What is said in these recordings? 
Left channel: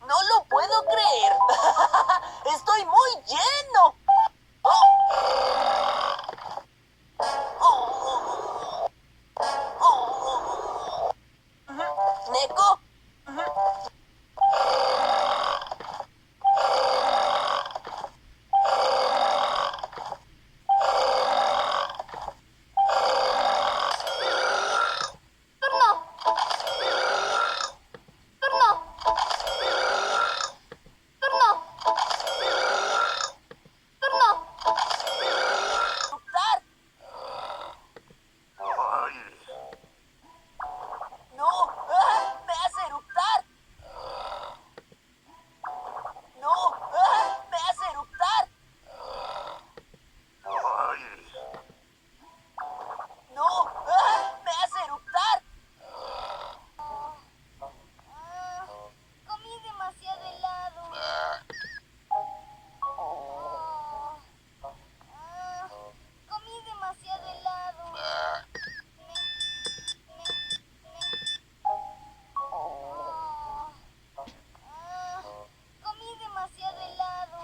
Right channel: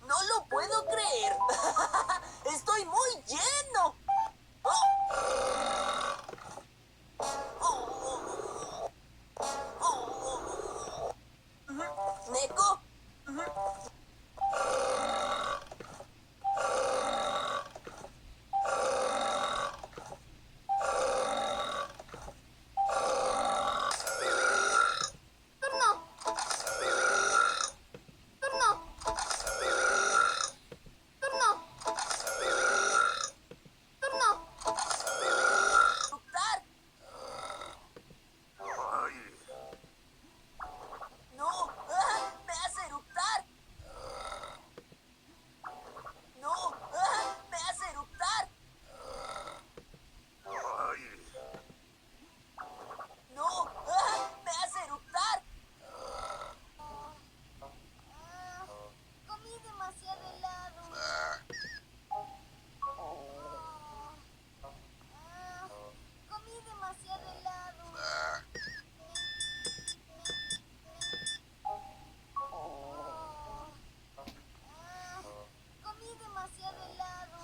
No lo puedo creer. Estoy muy lleno. ¿Neko? ¡Turno! ¡Turno! ¡Turno! ¡Turno! ¡Eructar! ¡No! ¡Me hace eructar! ¡No! ¡Me hace eructar! ¡No! ¡Me hace eructar! Comí demasiado helado. Comí demasiado helado. Comí demasiado helado.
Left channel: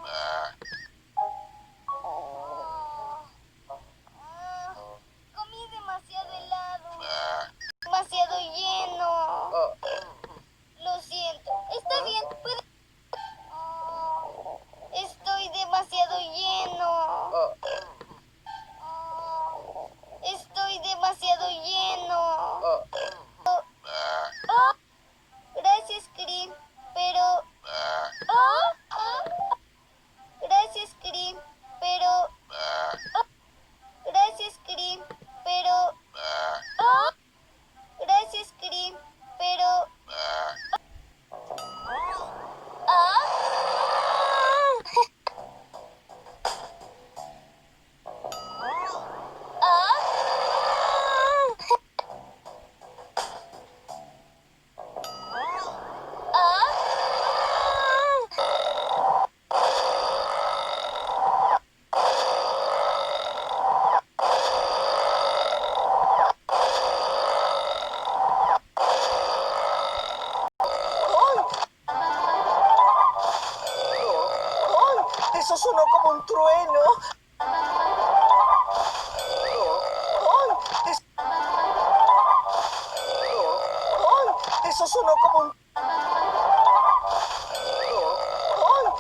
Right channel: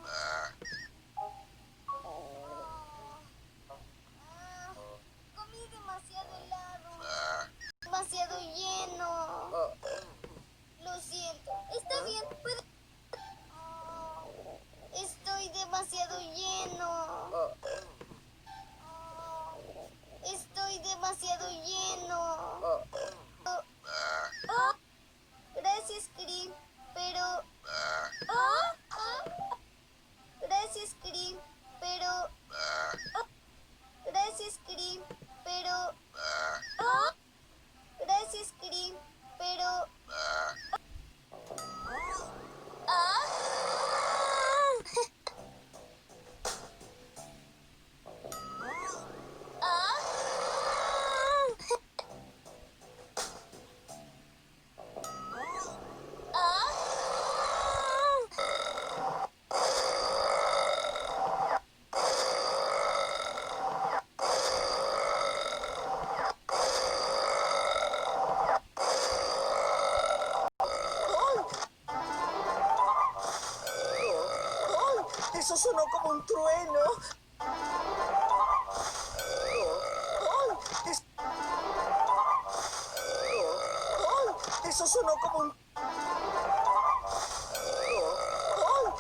Comí demasiado helado. Demasiado lleno. Lo siento. Está bien. Estoy demasiado lleno. Estoy demasiado lleno. Gracias, Krim. Pero... Gracias, Krim. Pero... Gracias, Krim. Pero... Gracias, Krim. Pero... ¡Ay! ¡Eso sonó como un trueno!